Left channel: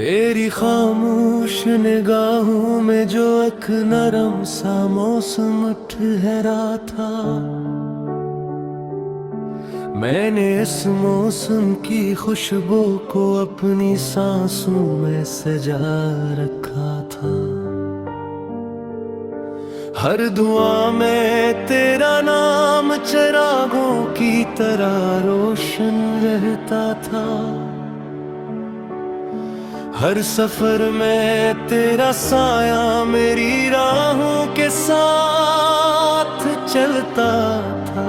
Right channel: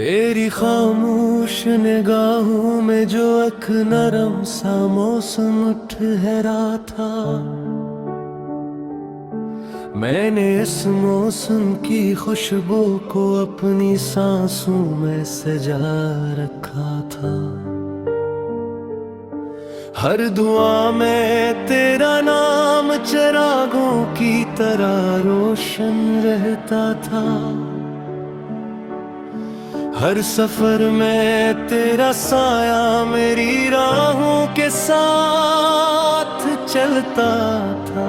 तेरी खामोश निगाहों में जो एक नरम सा मौसम ठहरा था, मैंने इस मौसम की खुशबू को अपनी सांसों में सजा रखा था। हर दुआ में तेरा नाम चिरागों की तरह रोशन रहता था। हर सफर में तेरा साया मेरी राहों के साथ चलता था।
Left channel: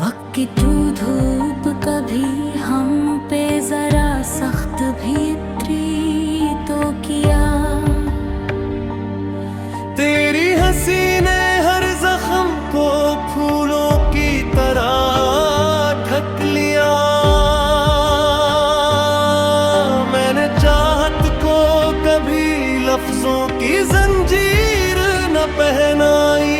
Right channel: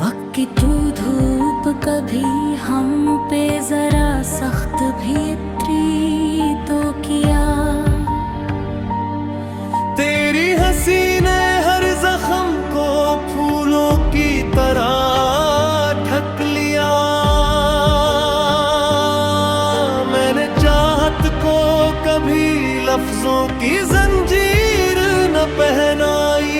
वक्त की तू धूप कभी हम पे जरा सख्त भी इतरी तो किया। तेरी हंसी ने हर जख्म को फूलों की तरह ढक लिया। मैंने चाहत को कभी लफ्जों की जंजीर न पहनाई,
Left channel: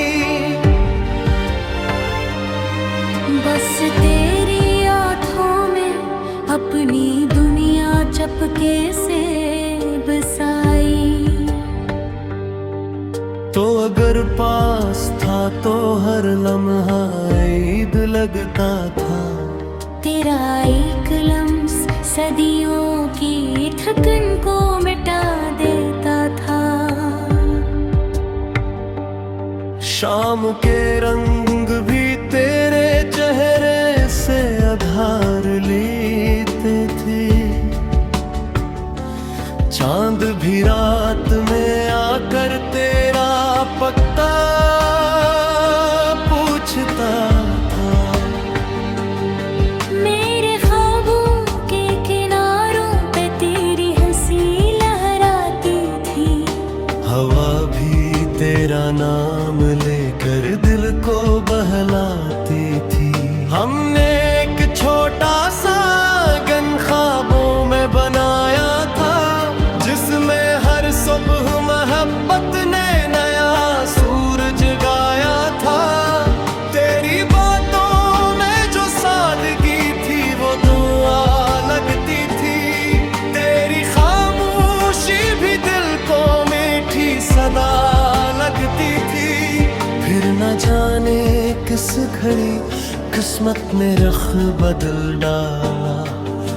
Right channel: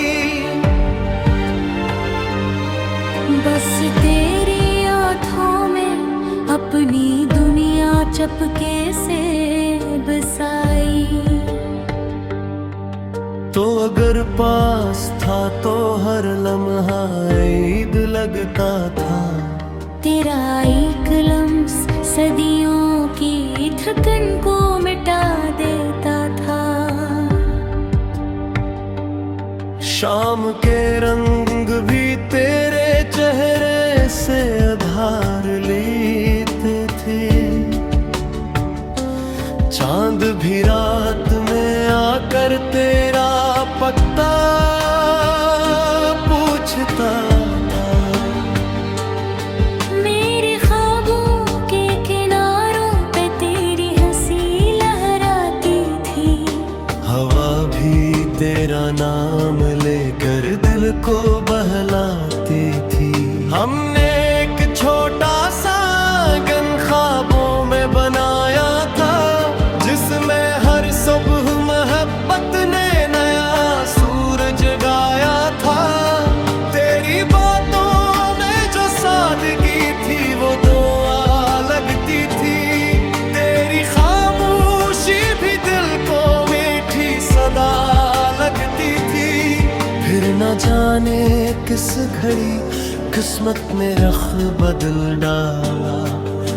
बस तेरी आँखों में अपनी दुनिया चपके से बसाई। तो अगर पास था तो हर लम्हा ईद लगता था। तेरा एक लम्स सदियों की थकन को मिटा देता था। शाम के रंग भी तेरे चेहरे से आधार लेते थे। चांद भी रात में आकर तेरा पता पूछता था। मेरे ख्वाबों के किनारों पे तेरी हंसी लहराती थी। हवा भी तेरा नाम लेकर दिल को बहलाती थी। हमने एक छोटा सा आंगन ख्वाबों में बनाया था, जिसमें हर सुबह मोहब्बत ने नया सूरज गाया था। तेरी बातों में जो सादगी थी वो दुआ लगती थी। तेरी खामोशी भी दिल को मीठी सदा लगती थी। फिर न जाने किस घड़ी किस्मत में रख बदल डाला।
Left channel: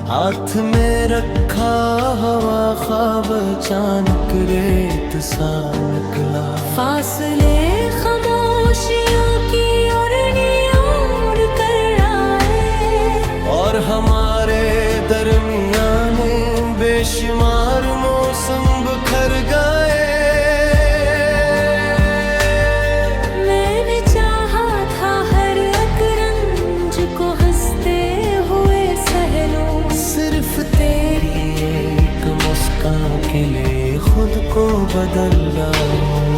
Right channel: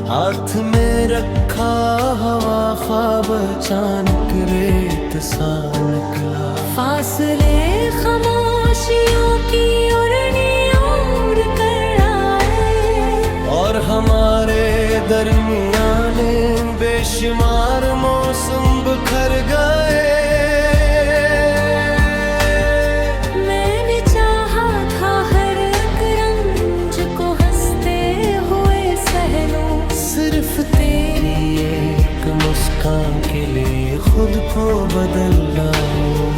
हाथ में रखा हवा ख्वाब अचानक रेत सा निकला। फासले खामोशियों की ओर कर आए, और हमारे दरमियाने बेशुमार मौसम बिखर गए। मैंने चाहा था हर एक रंज को हंसते हुए सहलो। सिर्फ तेरी एक मुस्कान के लिए खुद को बदल डालूं।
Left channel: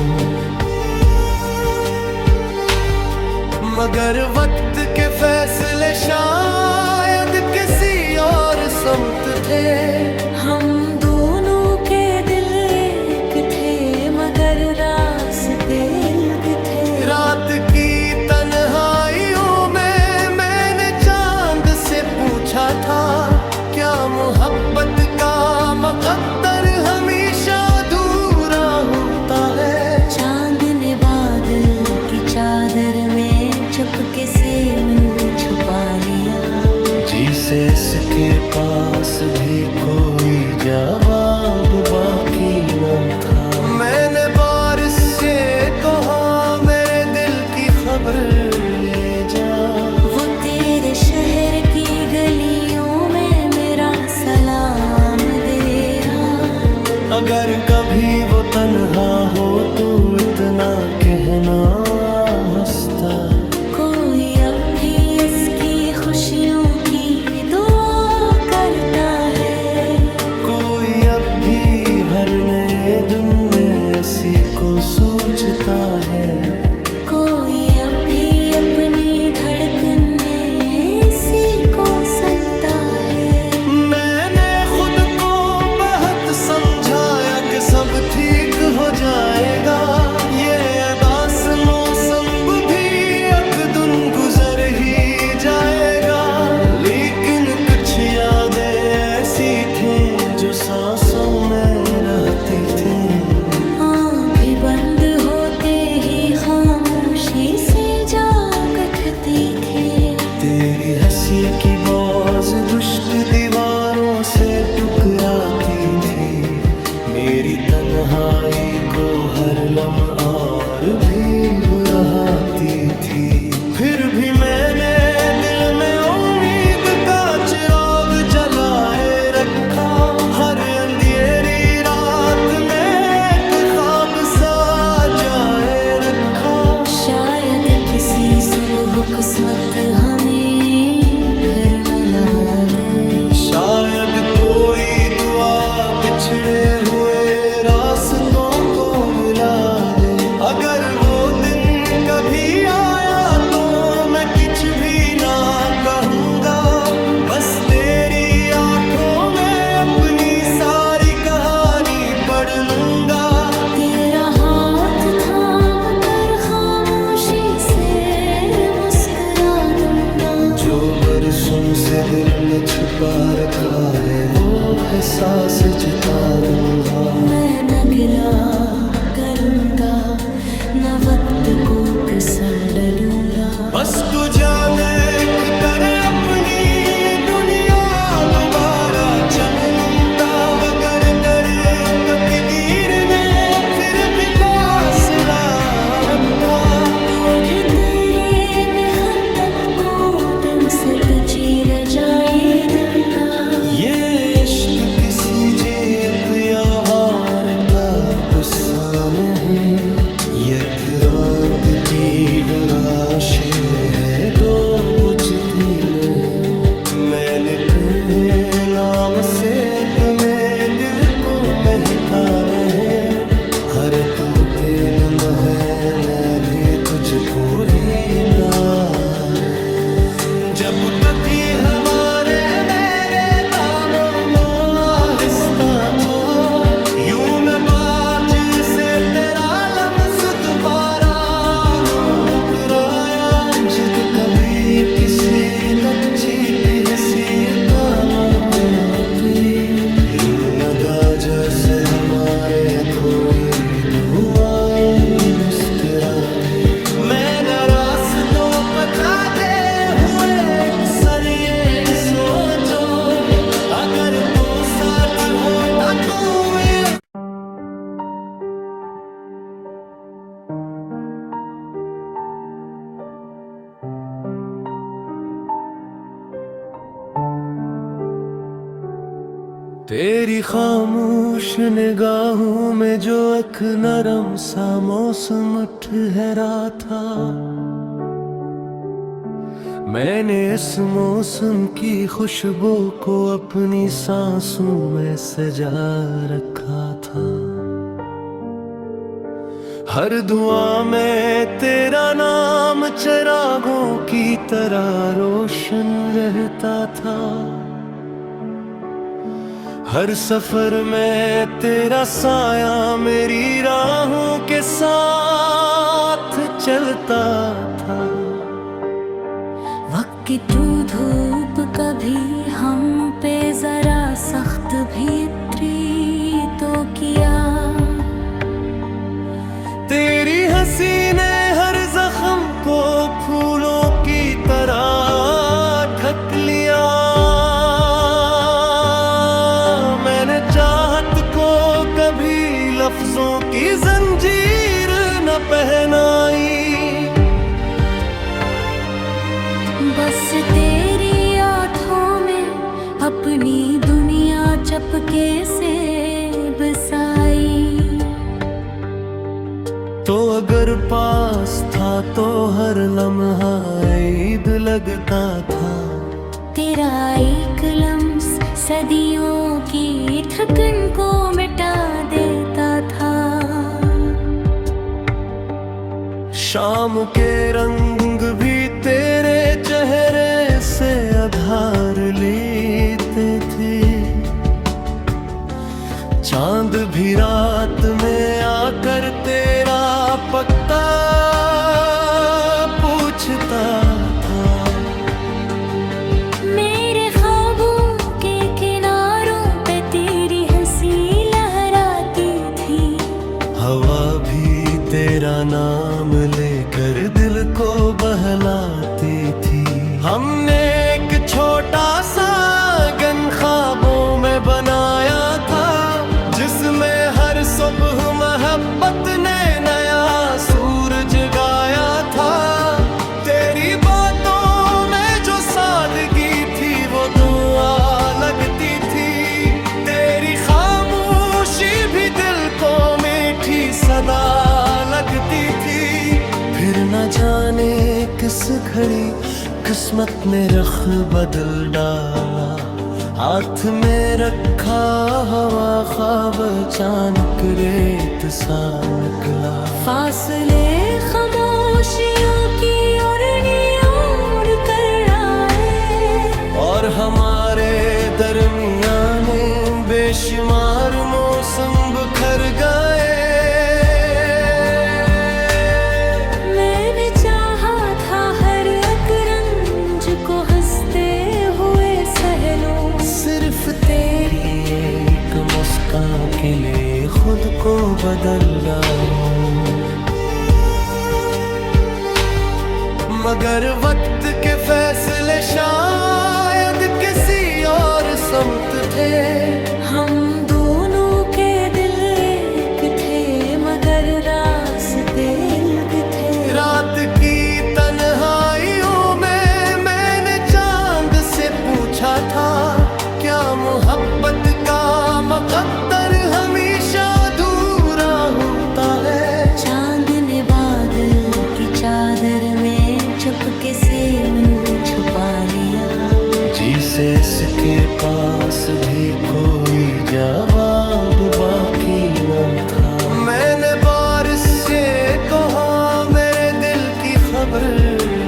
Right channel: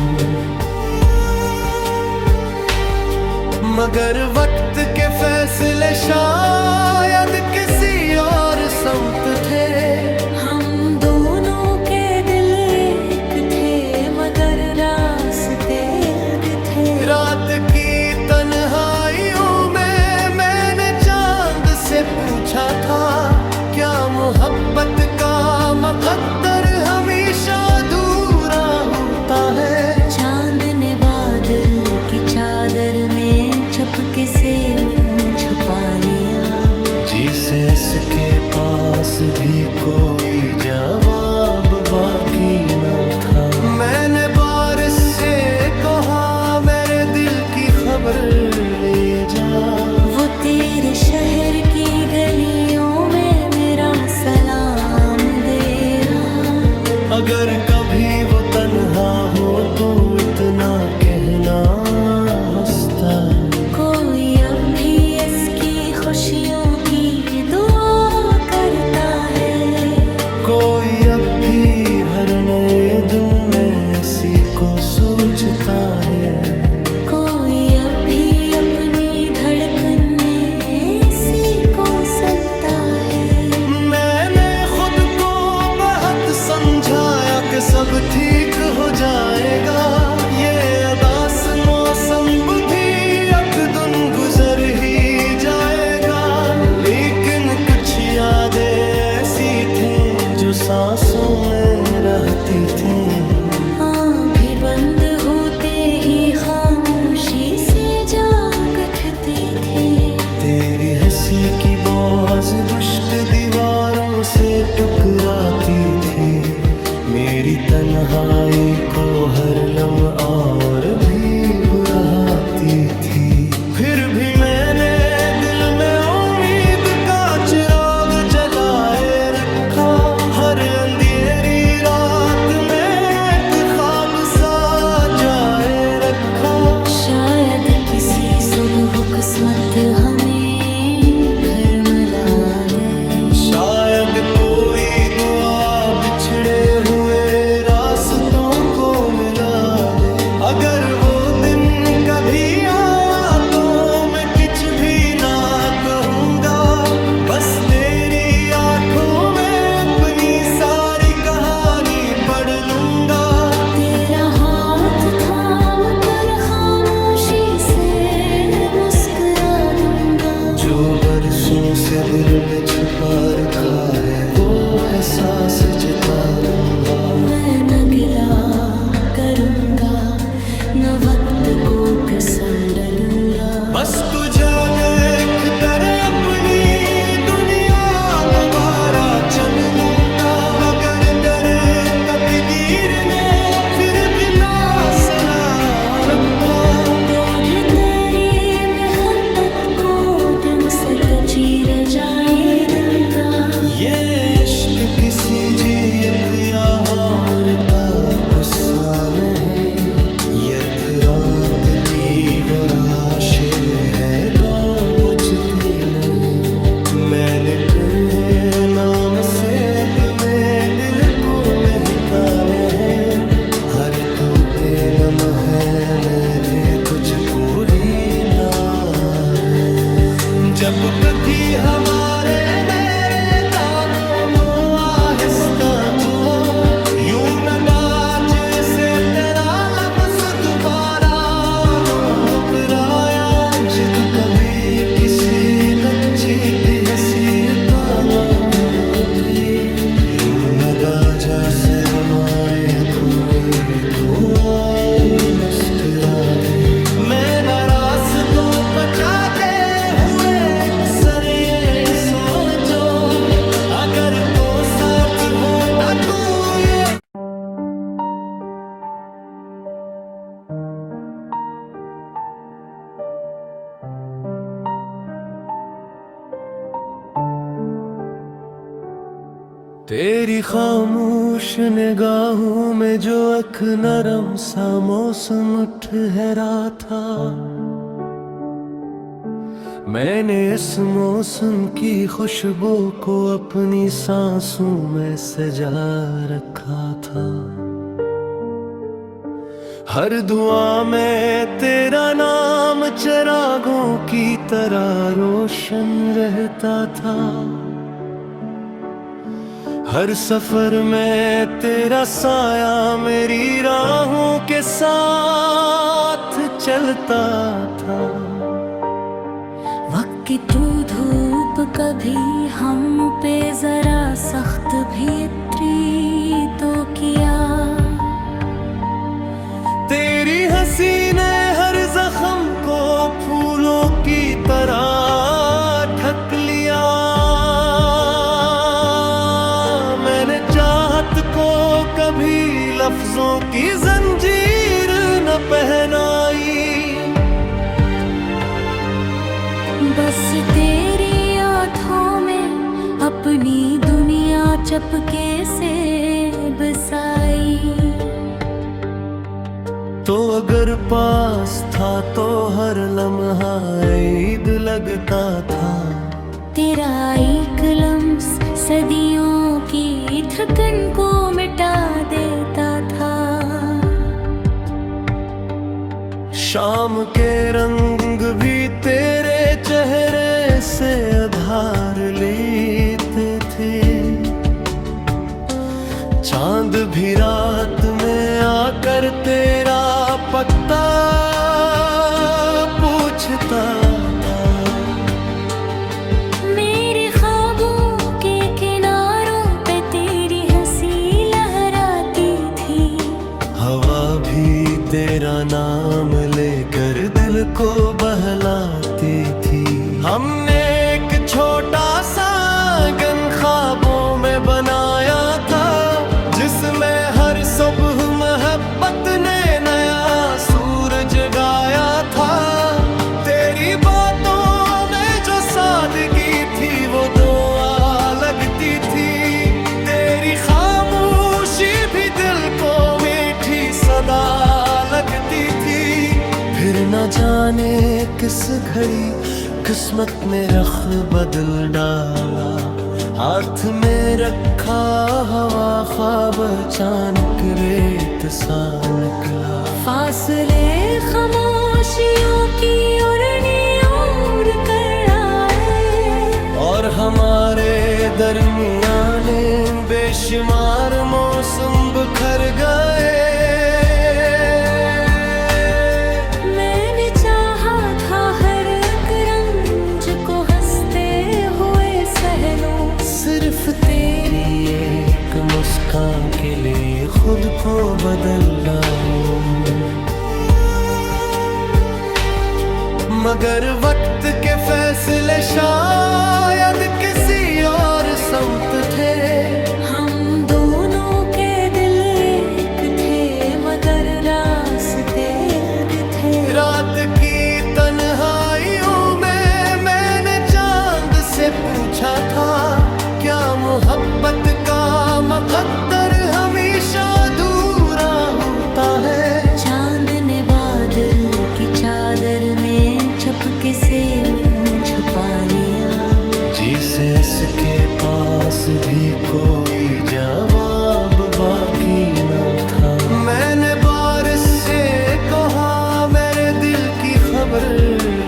मगर वक्त के फैसले शायद किसी और समत थे। हम दोनों के दिल एक थे मगर रास्ते अलग थे। रात की तन्हाइयों में मैंने चांद से पूछा था, क्या मोहब्बत का मुकद्दर हमेशा अधूरा होता है। चांद ने बादल की चादर में चपके से मुंह छुपा लिया। जिसे इसके पास भी कोई जवाब बाकी न था। मैंने बारिश से कहा मेरे दिल की खबर ले जा। वो तेरे शहर की गलियों में मेरा सलाम दे आ। अगर कभी वो तन्हा हो तो इतना कहना हंसता। कोई अब भी इसकी खुशियों की दुआ करता है। कोई अब भी हर नए दिन में इसी को सोचता है। कोई अब भी अपनी धड़कने इसी को सुनता है। मैंने खुद को बहुत समझाया कि सब ठीक हो जाएगा। ये अदास मौसम भी एक दिन गुजर ही जाएगा। लेकिन कुछ कुछ यादें ऐसी थीं जो सांसों में रहती थीं। भी बंद होते ही खामोशी से जाग उठती थी। तेरी हंसी की बाज गुश्त दीवारों से टकराती थी। मेरी तन्हाई को हर लम्हा और भी बुराती थी। फिर भी मैंने दिल में उम्मीद का चिराग जलाए रखा। हर अंधेरी रात में एक ख्वाब सा जाए रखा। शायद किसी सुबह किस्मत हमें फिर मिला दे। शायद कोई दुआ बिछड़े हुए रास्तों को मिला दे। अगर वो दिन कभी आया तो मैं कुछ भी ना कहूँगा। बस तेरी आंखों में अपनी सारी कहानी पढ़ लूँगा। तेरा हाथ थाम कर खामोशी से मुस्कुरा दूंगा। जो बरसों से दिल में छुपा रखा है वो एहसास जता दूंगा। मैं न गिला करूंगा न वक्त को फिसलूंगा। बस तुझे देख कर अपनी दुनिया दोबारा चन लूंगा। मगर दर तकदीर ने फिर भी हौसला रखा। तुझे तेरी मेहनत को दिन से तो चीर जाए दूंगा। ये इश्क किसी जीत या हार का गुस्सा नहीं। ये रागती वो राशे है दो बुझती नहीं। मैंने तुम्हें नाम से तुम्हें दिल को महकाना है। हर तू पे नम है मैं भी तुझको दीता है। जब कभी हमारे मेरे दामों नो आहिस्ता तो यूं न बाज से तेरा लम्स दोबारा नो उतराया। जित कभी किसी बच्चे की हैसियत लोगी यूं न दाजा से हमारे अधूरी दुआएं मुस्कुरा दे। मैं न रास्तों बचाते हुए अक्सर ये सोचो अगर वो साथ होता तो ये। तेरी खामोश निगाहों में जो एक नरम सा मौसम ठहरा था। मैंने इस मौसम की खुशबू को अपनी सांसों में सजा रखा था। हर दुआ में तेरा नाम चिरागों की तरह रोशन रहता था। हर सफर में तेरा साया मेरी राहों के साथ चलता था। वक्त की तू धूप कभी हम पे जरा सख्त भी इतरी तो किया। तेरी हंसी ने हर जख्म को फूलों की तरह ढक लिया। मैंने चाहत को कभी लफ्जों की जंजीर न पहनाई। बस तेरी आँखों में अपनी दुनिया चपके से बसाई। तो अगर पास था तो हर लम्हा ईद लगता था। तेरा एक लम्स सदियों की थकन को मिटा देता था। शाम के रंग भी तेरे चेहरे से आधार लेते थे। चांद भी रात में आकर तेरा पता पूछता था। मेरे ख्वाबों तेरा नाम लेकर दिल को बहलाती थी। हमने एक छोटा सा आंगन ख्वाबों में बनाया था, जिसमें हर सुबह मोहब्बत ने नया सूरज गाया था। तेरी बातों में जो सादगी थी वो दुआ लगती थी। तेरी खामोशी भी दिल को मीठी सदा लगती थी। फिर न जाने किस घड़ी किस्मत ने रख बदल डाला, हाथ में रखा हवा ख्वाब अचानक रेत सा निकला। फासले खामोशियों की ओर कर आए, और हमारे दरमियाने बेशुमार मौसम बिखर गए। मैंने चाहा था हर एक रंज को हंसते हुए सहलूं, सिर्फ तेरी एक मुस्कान के लिए खुद को बदल डालूं। मगर वक्त के फैसले शायद किसी और समत थे। हम दोनों के दिल एक थे मगर रास्ते अलग थे। रात की तन्हाइयों में मैंने चांद से पूछा था, क्या मोहब्बत का मुकद्दर हमेशा अधूरा होता है। चांद ने बादल की चादर में चपके से मुंह छुपा लिया, जीसस के पास भी कोई जवाब बाकी न था। मैंने बारिश से कहा मेरे दिल की खबर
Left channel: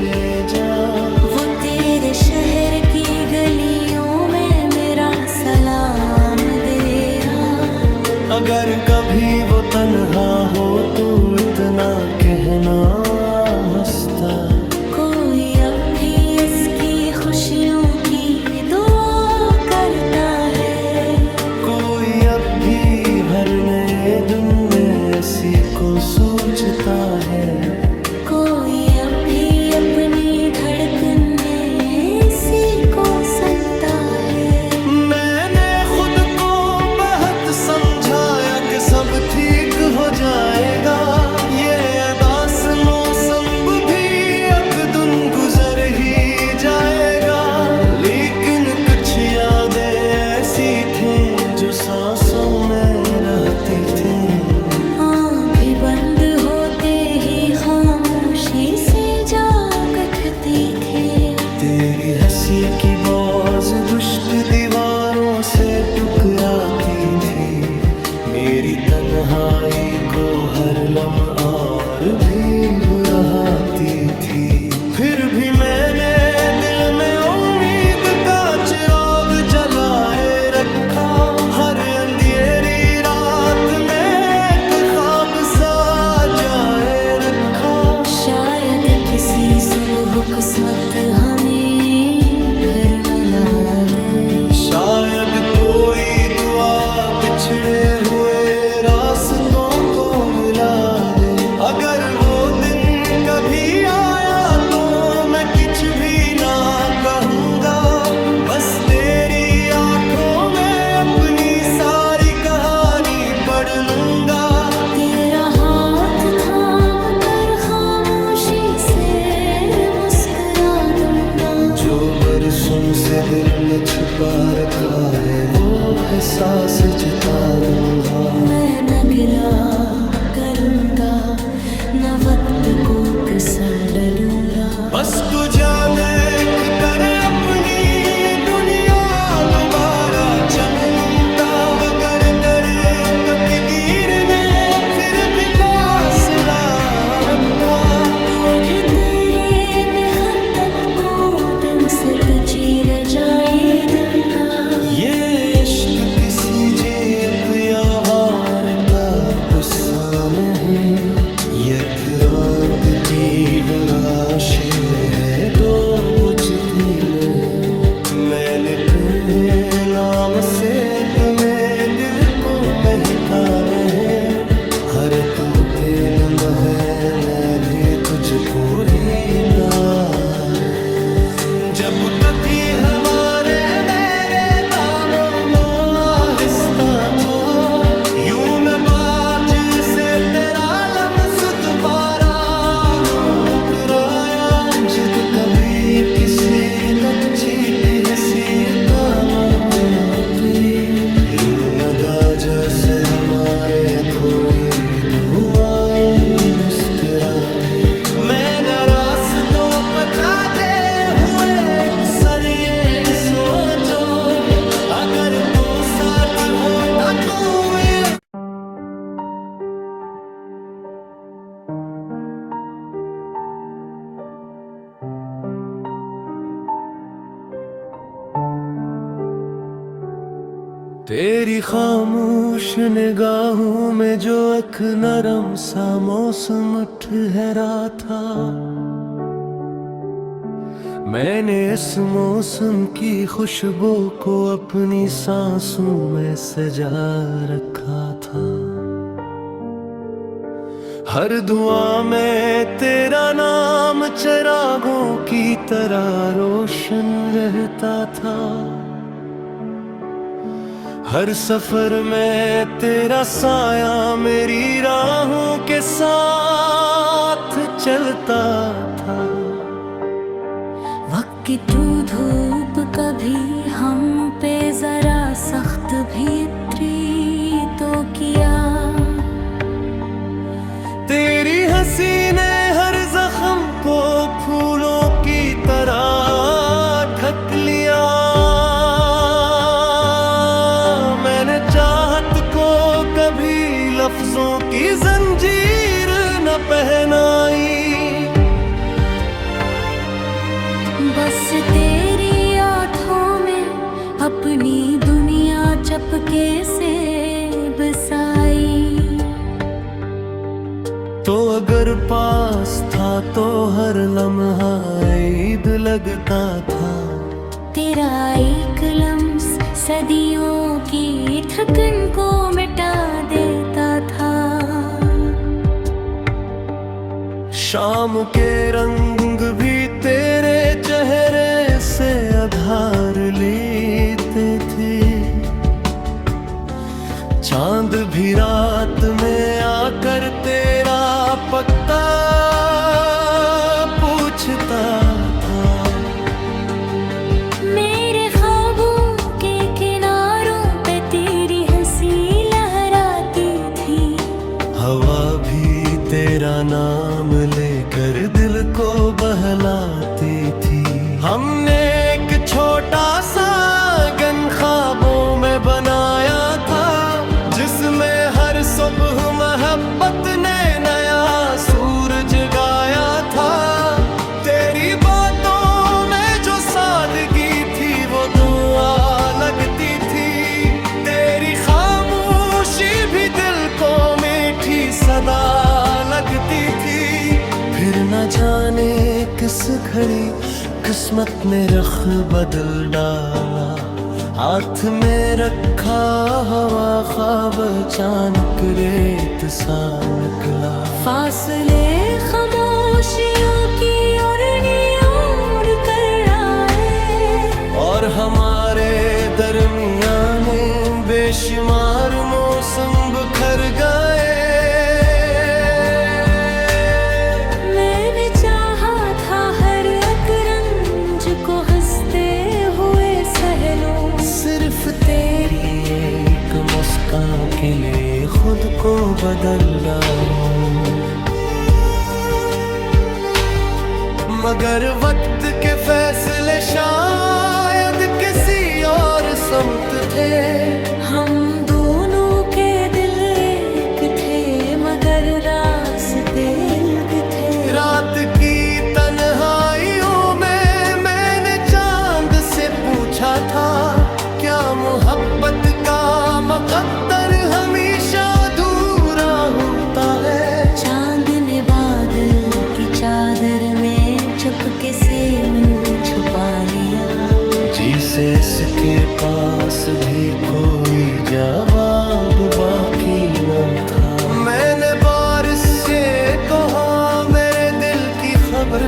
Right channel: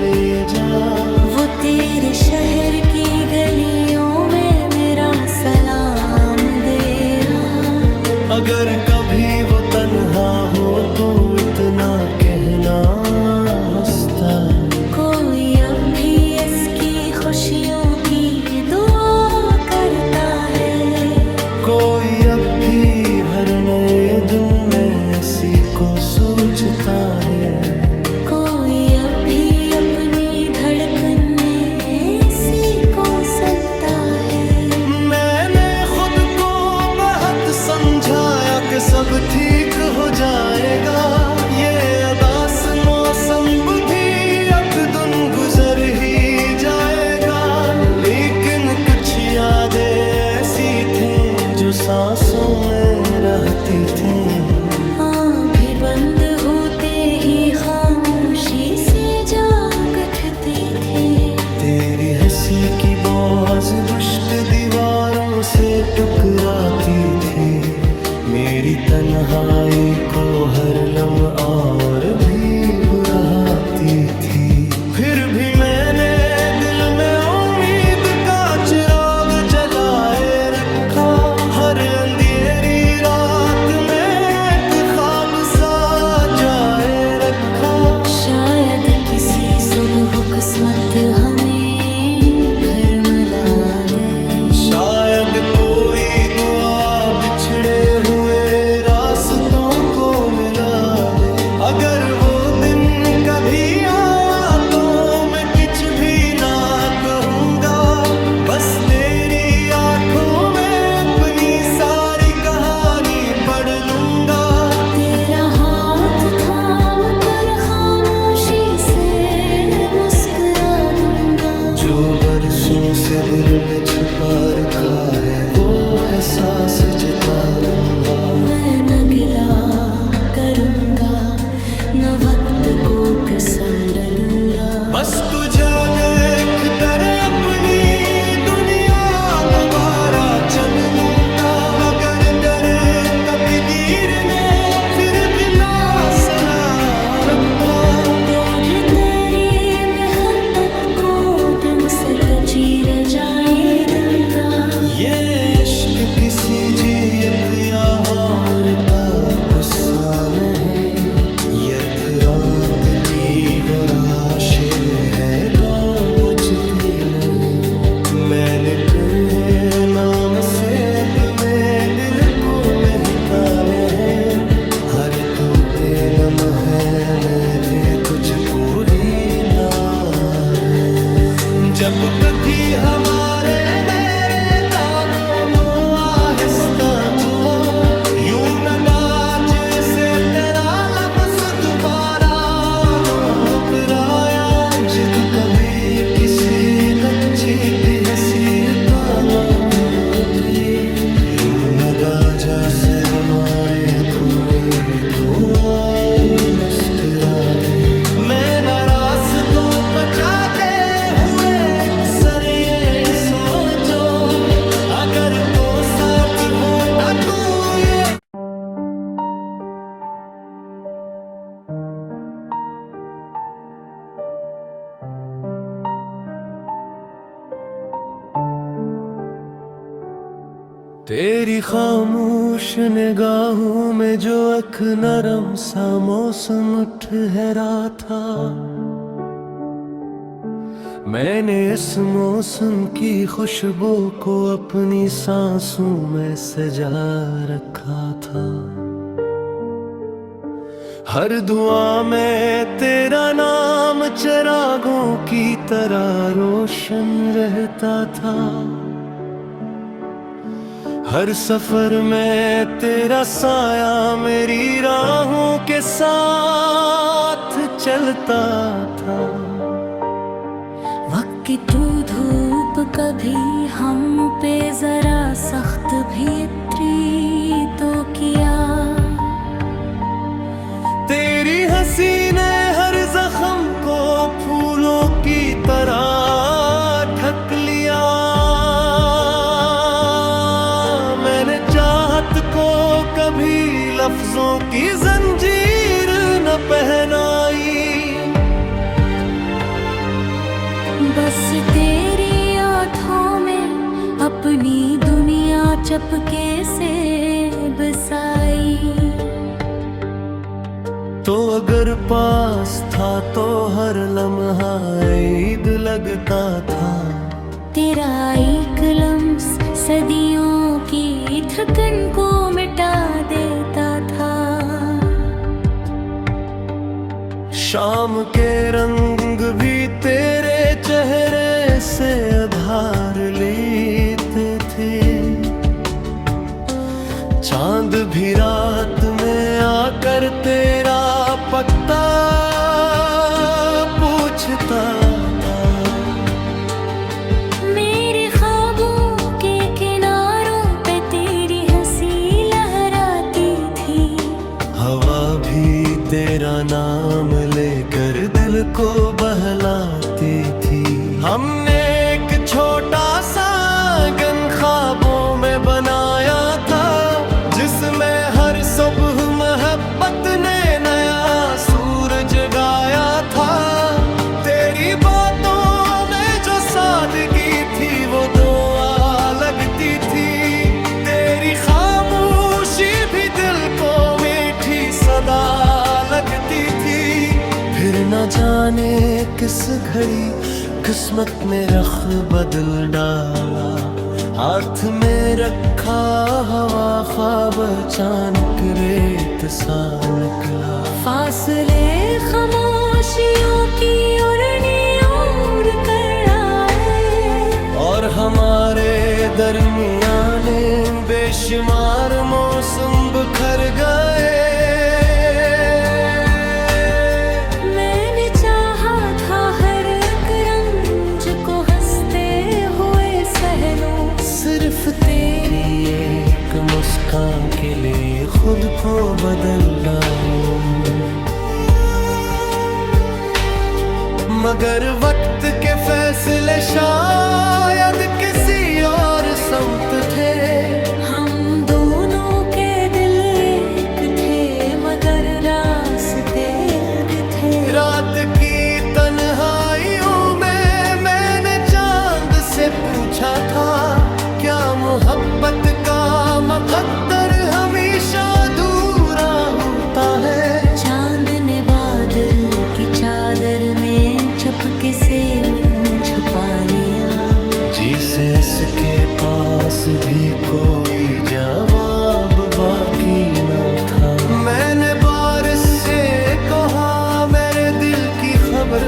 ले जा, वो तेरे शहर की गलियों में मेरा सलाम दे रहा। अगर कभी वो तन्हा हो तो इतना कहना हंसता, कोई अब भी इसकी खुशियों की दुआ करता है। कोई अब भी हर नए दिन में इसी को सोचता है। कोई अब भी अपनी धड़कने इसी को सुनता है। मैंने खुद को बहुत समझाया कि सब ठीक हो जाएगा, ये अदास मौसम भी एक दिन गुजर ही जाएगा। लेकिन कुछ यादें ऐसी थीं जो सांसों में रहती थीं। भी बंद होते ही खामोशी से जाग उठती थी। तेरी हंसी की बाज गुश्त दीवारों से टकराती थी। मेरी तन्हाई को हर लम्हा और भी बुराती थी। फिर भी मैंने दिल में उम्मीद का चिराग जलाए रखा। हर अंधेरी रात में एक ख्वाब सा जाए रखा। शायद किसी सुबह किस्मत हमें फिर मिला दे। शायद कोई दुआ बिछड़े हुए रास्तों को मिला दे। अगर वो दिन कभी आया तो मैं कुछ भी ना कहूँगा, बस तेरी आंखों में अपनी सारी कहानी पढ़ लूँगा। तेरा हाथ थाम कर खामोशी से मुस्कुरा दूंगा। जो बरसों से दिल में छुपा रखा है वो एहसास जता दूंगा। मैं न गिला करूंगा न वक्त को पसंद डूंगा। बस तुझे देख कर अपनी दुनिया दोबारा चलूंगा। मगर दर तकदीर ने फिर भी मौसला रखा। रोज तेरी मेहनत को दिन से तजीर जाए दूंगा। ये इश्क किसी जीत या हार का गुस्सा नहीं। यथराकती वो राशे है जो बुझती नहीं। मैंने तुम्हें नाम से तुम्हें दिल को महकाने हैं। हर तू थे नम है मैं भी तुझको रीता है। जब कथी हमारे मेरे दामों नो आहिस्ता तो यूं न बाज से तेरा लम्स दोबारा नो उतराया। जिद कभी किसी बच्चे की हैसियत लोगों यूं न दाजा से हमारे अधूरी दुआएं मुस्कुरा दे। मैं नाराज तो बचाते हुए अक्सर ये सोचो अगर वो साथ होता तो ये। तेरी खामोश निगाहों में जो एक नरम सा मौसम ठहरा था, मैंने इस मौसम की खुशबू को अपनी सांसों में सजा रखा था। हर दुआ में तेरा नाम चिरागों की तरह रोशन रहता था। हर सफर में तेरा साया मेरी राहों के साथ चलता था। वक्त की तू धूप कभी हम पे जरा सख्त भी इतरी तो किया। तेरी हंसी ने हर जख्म को फूलों की तरह ढक लिया। मैंने चाहत को कभी लफ्जों की जंजीर न पहनाई। बस तेरी आँखों में अपनी दुनिया चपके से बसाई। तो अगर पास था तो हर लम्हा ईद लगता था। तेरा एक लम्स सदियों की थकन को मिटा देता था। शाम के रंग भी तेरे चेहरे से आधार लेते थे। चांद भी रात में आकर तेरा पता पूछता था। मेरे ख्वाबों के किनारों पे तेरी हंसी लहराती थी। हवा भी तेरा नाम लेकर दिल को बहलाती थी। हमने एक छोटा सा गन ख्वाबों में बनाया था, जिसमें हर सुबह मोहब्बत ने नया सूरज गाया था। तेरी बातों में जो सादगी थी वो दुआ लगती थी। तेरी खामोशी भी दिल को मीठी सदा लगती थी। फिर न जाने किस घड़ी किस्मत में रख बदल डाला। हाथ में रखा हवा ख्वाब अचानक रेत सा निकला। फासले खामोशियों की ओर कर आए। और हमारे दरमियाने बेशुमार मौसम बिखर गए। मैंने चाहा था हर एक रंज को हंसते हुए सहलूं। सिर्फ तेरी एक मुस्कान के लिए खुद को बदल डालूं। मगर वक्त के फैसले शायद किसी और समत थे। हम दोनों के दिल एक थे मगर रास्ते अलग थे। रात की तन्हाइयों में मैंने चांद से पूछा था, क्या मोहब्बत का मुकद्दर हमेशा अधूरा होता है। चांद ने बादल की चादर में चपके से मुंह छुपा लिया। जिसे इसके पास भी कोई जवाब बाकी न था। मैंने बारिश से कहा मेरे दिल की खबर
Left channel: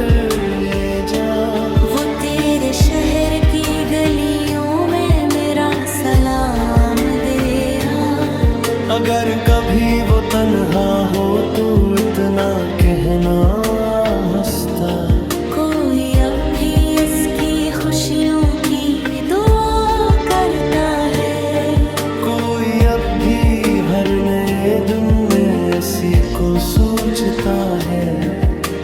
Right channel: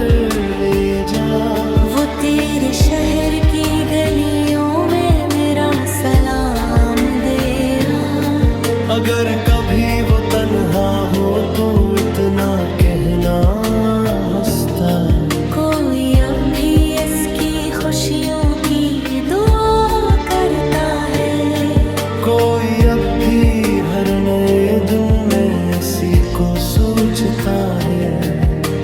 ले जा, वो तेरे शहर की गलियों में मेरा सलाम दे रहा। अगर कभी वो तन्हा हो तो इतना कहना हंसता, कोई अब भी इसकी खुशियों की दुआ करता है। कोई अब भी हर नए दिन में इसी को सोचता है।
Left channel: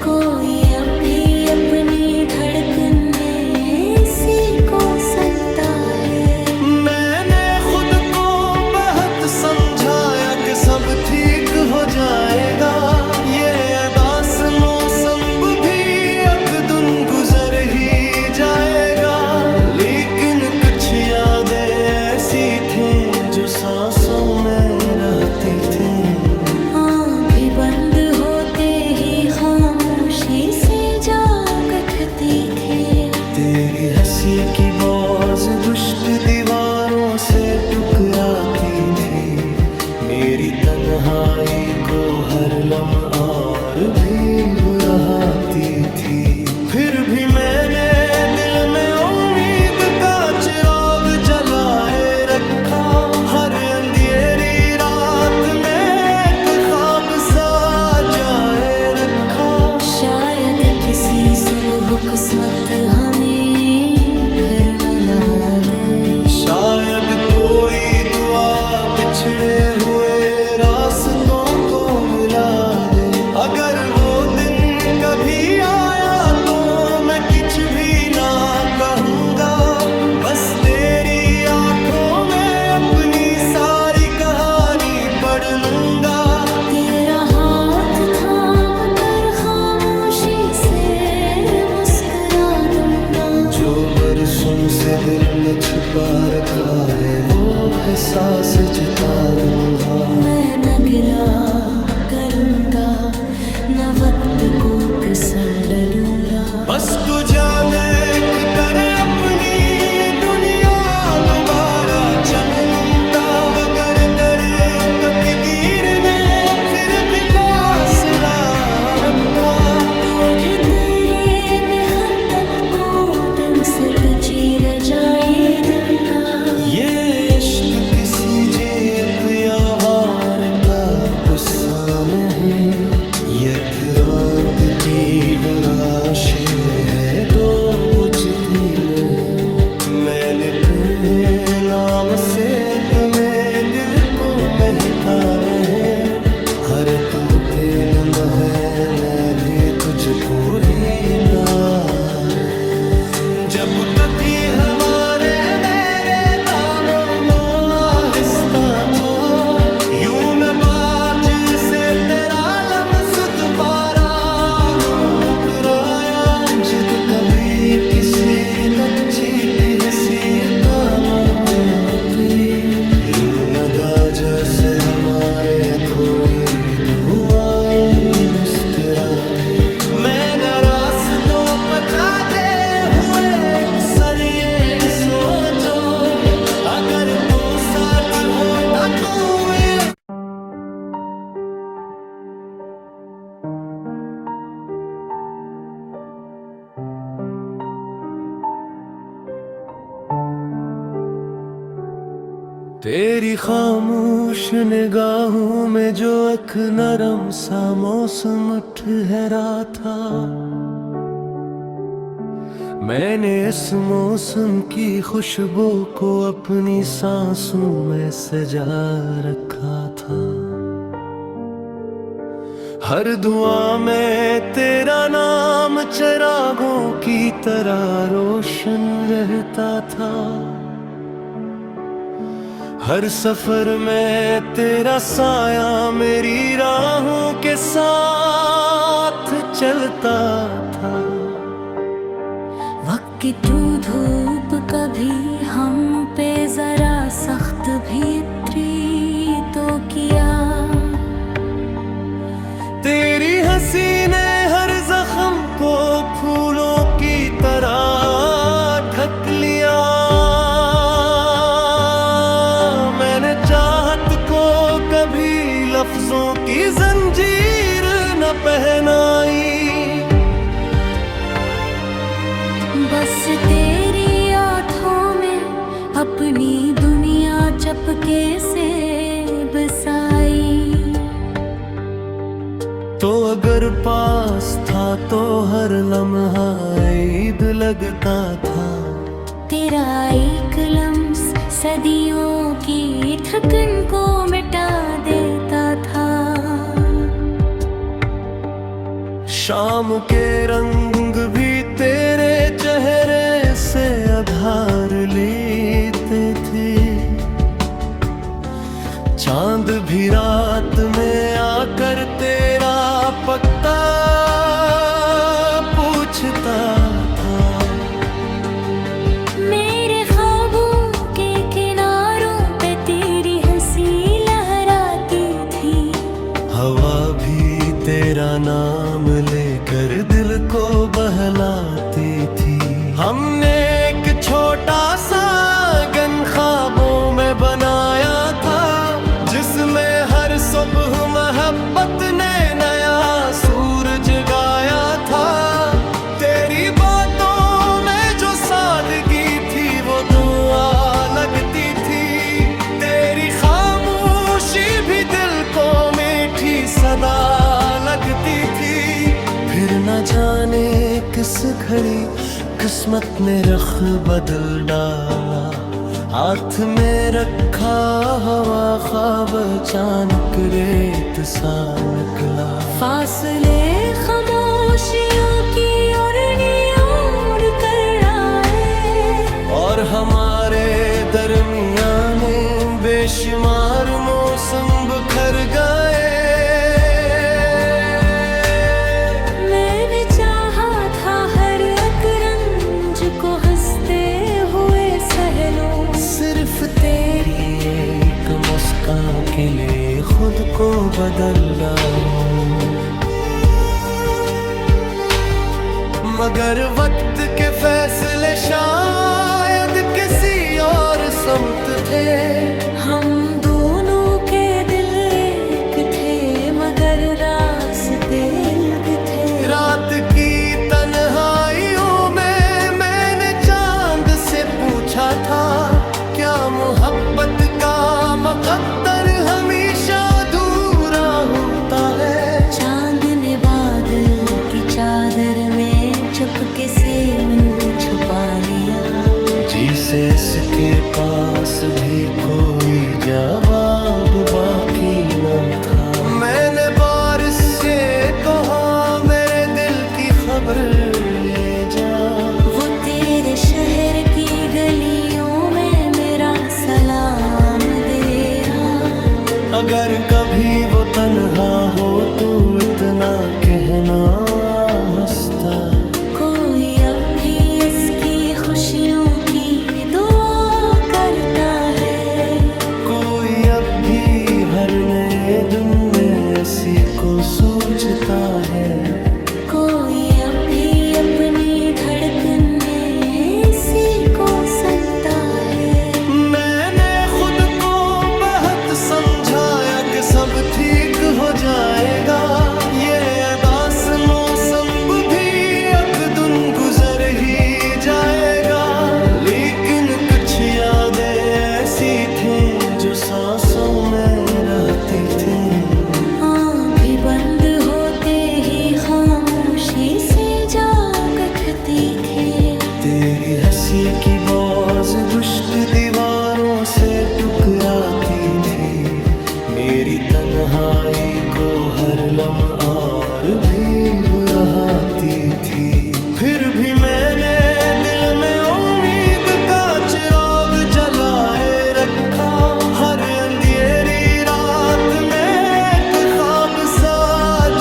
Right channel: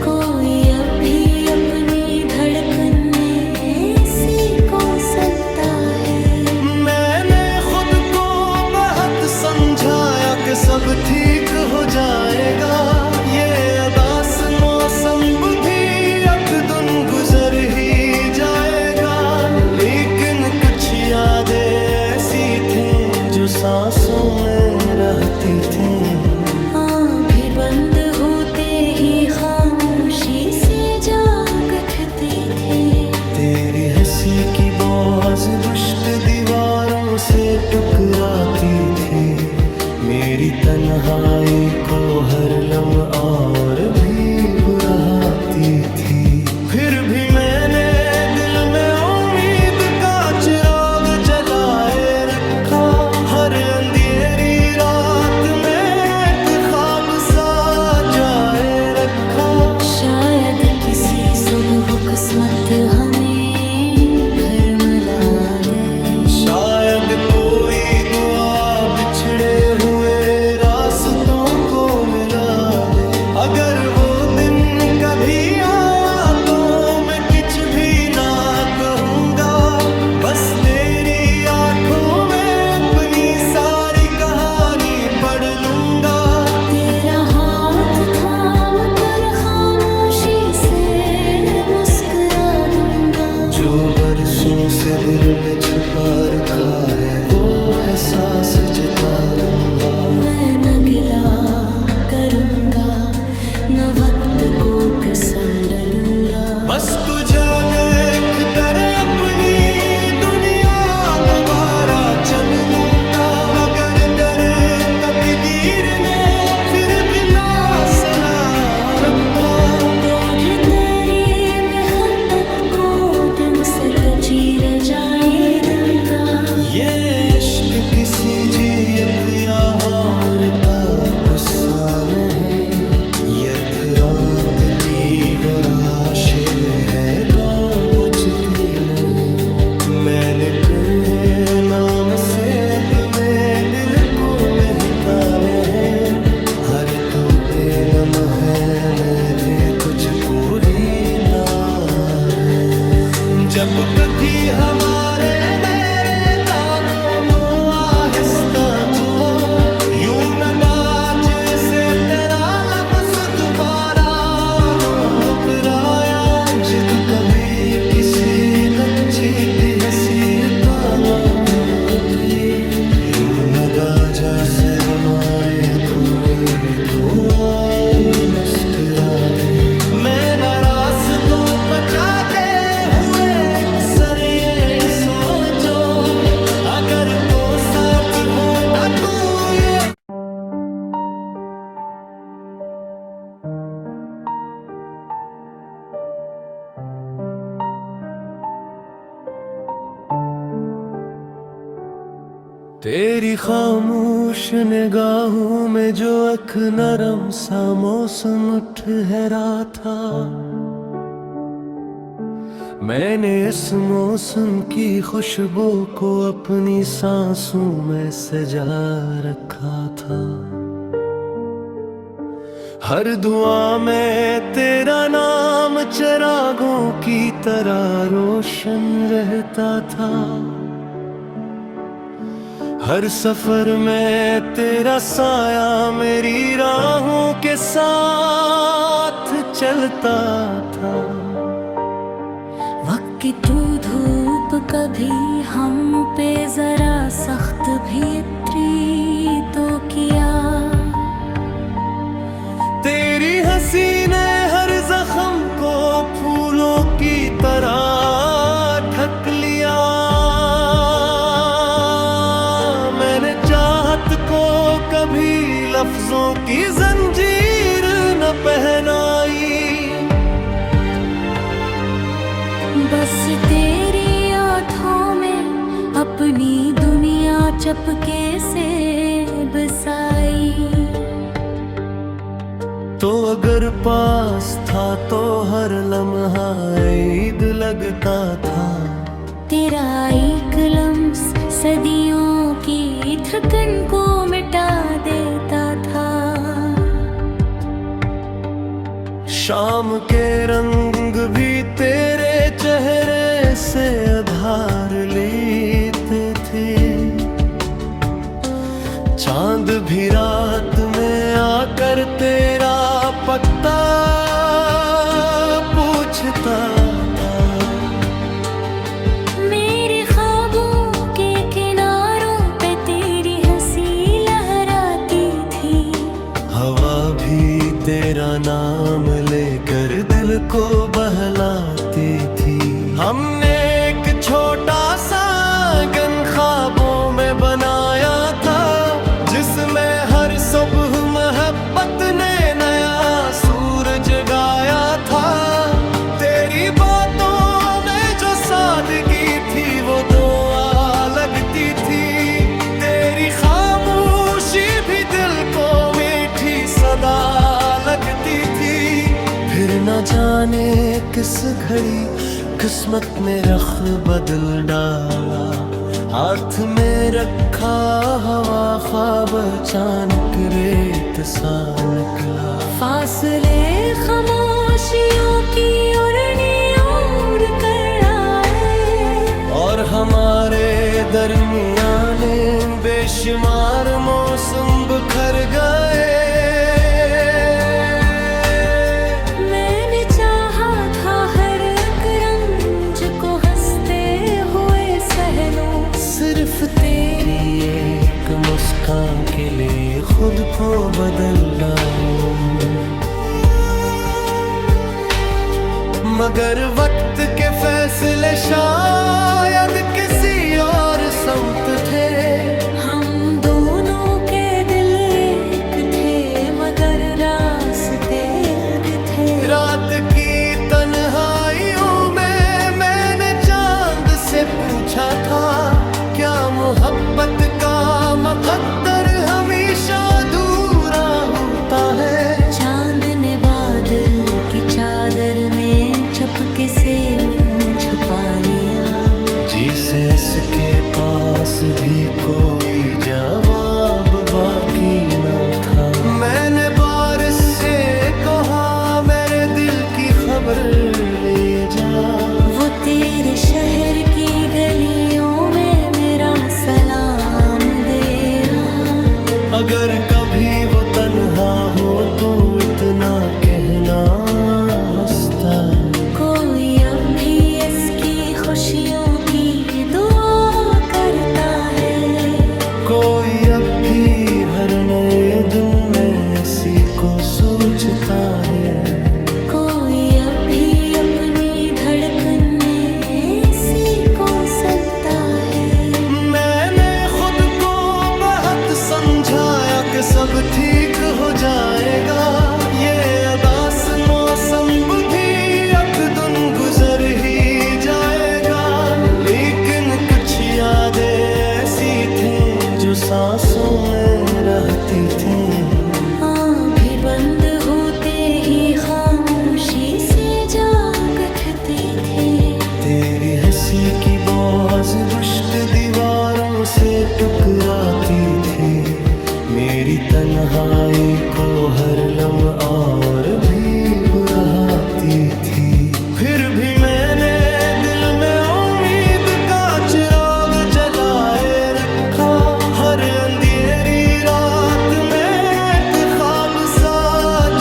कोई अब भी अपनी धड़कन में इसी को सुनता है। मैंने खुद को बहुत समझाया कि सब ठीक हो जाएगा, ये अदास मौसम भी एक दिन गुजर ही जाएगा। लेकिन कुछ यादें ऐसी थीं जो सांसों में रहती थीं। भी बंद होते ही खामोशी से जाग उठती थी। तेरी हंसी की बाज गुश्त दीवारों से टकराती थी। मेरी तन्हाई को हर लम्हा और भी बुराती थी। फिर भी मैंने दिल में उम्मीद का चिराग जलाए रखा। हर अंधेरी रात में ख्वाब सा जाए रखा। शायद किसी सुबह किस्मत हमें फिर मिला दे। शायद कोई दुआ बिछड़े हुए रास्तों को मिला दे। अगर वो दिन कभी आया तो मैं कुछ भी ना कहूँगा, बस तेरी आंखों में अपनी सारी कहानी पढ़ लूँगा। तेरा हाथ थाम कर खामोशी से मुस्कुरा दूंगा। जो बरसों से दिल में छुपा रखा है वो एहसास जता दूंगा। मैं न गिला करूंगा न वक्त को पसंद डूंगा। बस तुझे देख कर अपनी दुनिया दोबारा चन लूंगा। मगर दर कतगीर ने फिर भी मौसला रखा। तुझे तेरी मेहनत को दिन से तजीर जाए दूंगा। ये इश्क किसी जीत या हार का गुस्सा नहीं, एक रात की वो राशे है दो बुझती नहीं। मैंने तुम्हें नाम से तुम्हें दिल को महका है। हर तू थे नम है मैं भी तुझको रीता है। जब कभी हमारे मेरे दामों नो आहिस्ता तो यूं न बाज से तेरा दोबारा मुकराया। जिद कभी किसी बच्चे की हैसियत लोगी यूं नदा जैसे हमारे अधूरी दुआएं मुस्कुरा दे। मैं न रास्तों बचाते हुए अक्सर ये सोचो, अगर वो साथ होता तो ये। तेरी खामोश निगाहों में जो एक नरम सा मौसम ठहरा था, मैंने इस मौसम की खुशबू को अपनी सांसों में सजा रखा था। हर दुआ में तेरा नाम चिरागों की तरह रोशन रहता था। हर सफर में तेरा साया मेरी राहों के साथ चलता था। वक्त की तू धूप कभी हम पे जरा सख्त भी उतरी तो किया। तेरी हंसी ने हर जख्म को फूलों की तरह ढक लिया। लफ्जों की जंजीर न पहनाई। बस तेरी आँखों में अपनी दुनिया चपके से बसाई। तो अगर पास था तो हर लम्हा ईद लगता था। तेरा एक लम्स सदियों की थकन को मिटा देता था। शाम के रंग भी तेरे चेहरे से आधार लेते थे। चांद भी रात में आकर तेरा पता पूछता था। मेरे ख्वाबों के किनारों पे तेरी हंसी लहराती थी। हवा भी तेरा नाम लेकर दिल को बहलाती थी। हमने एक छोटा सा आंगन ख्वाबों में बनाया था, जिसमें हर सुबह मोहब्बत ने नया सूरज गाया था। तेरी बातों में जो सादगी थी वो दुआ लगती थी। तेरी खामोशी भी दिल को मीठी सदा लगती थी। फिर न जाने किस घड़ी किस्मत ने रख बदल डाला। हाथ में रखा हवा ख्वाब अचानक रेत सा निकला। फासले खामोशियों की ओर कर आए। और हमारे दरमियाने बेशुमार मौसम बिखर गए। मैंने चाहा था हर एक रंज को हंसते हुए सह लूं। सिर्फ तेरी एक मुस्कान के लिए खुद को बदल डालूं। मगर वक्त के फैसले शायद किसी और समत थे। हम दोनों के दिल एक थे मगर रास्ते अलग थे। रात की तन्हाइयों में मैंने चांद से पूछा था, क्या मोहब्बत का मुकद्दर हमेशा अधूरा होता है। चांद ने बादल की चादर में चपके से मुंह छुपा लिया। जीसस के पास भी कोई जवाब बाकी न था। मैंने बारिश से कहा मेरे दिल की खबर ले जा। वो तेरे शहर की गलियों में मेरा सलाम दे रहा। अगर कभी वो तन्हा हो तो इतना कहना हंसता। कोई अब भी इसकी खुशियों की दुआ करता है। कोई अब भी हर नए दिन में इसी को सोचता है। कोई अब भी अपनी धड़कन में इसी को सुनता है। मैंने खुद को बहुत समझाया कि सब ठीक हो जाएगा। ये अदास मौसम भी एक दिन गुजर ही जाएगा। लेकिन कुछ यादें ऐसी थीं जो सांसों में रहती थीं। भी बंद होते ही खामोशी से जाग उठती थी। तेरी हंसी की बाज गुश्त दीवारों से टकराती थी। मेरी तन्हाई को हर लम्हा और भी बुराती थी। फिर भी मैंने दिल में उम्मीद का चिराग जलाए रखा। हर अंधेरी रात में एक ख्वाब सा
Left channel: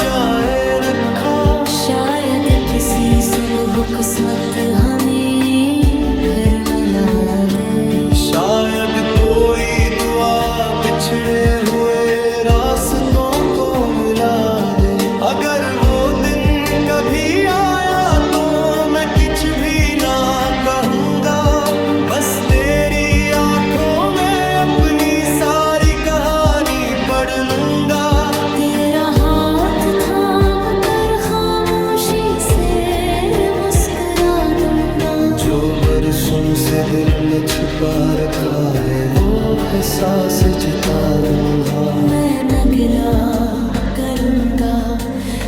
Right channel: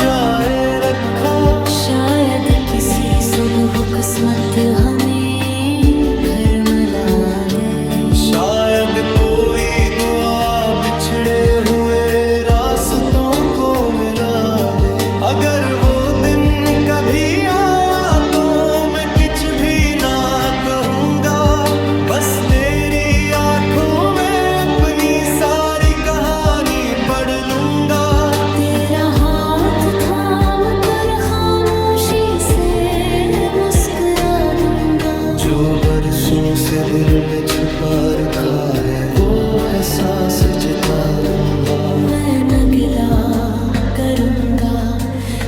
जाए रखा। शायद किसी सुबह किस्मत हमें फिर मिला दे। शायद कोई दुआ बिछड़े हुए रास्तों को मिला दे। अगर वो दिन कभी आया तो मैं कुछ भी ना कहूँगा। बस तेरी आंखों में अपनी सारी कहानी पढ़ लूँगा। बरसों से दिल में छुपा रखा है वो है सांस जिता दूंगा। मैं न गिला करूंगा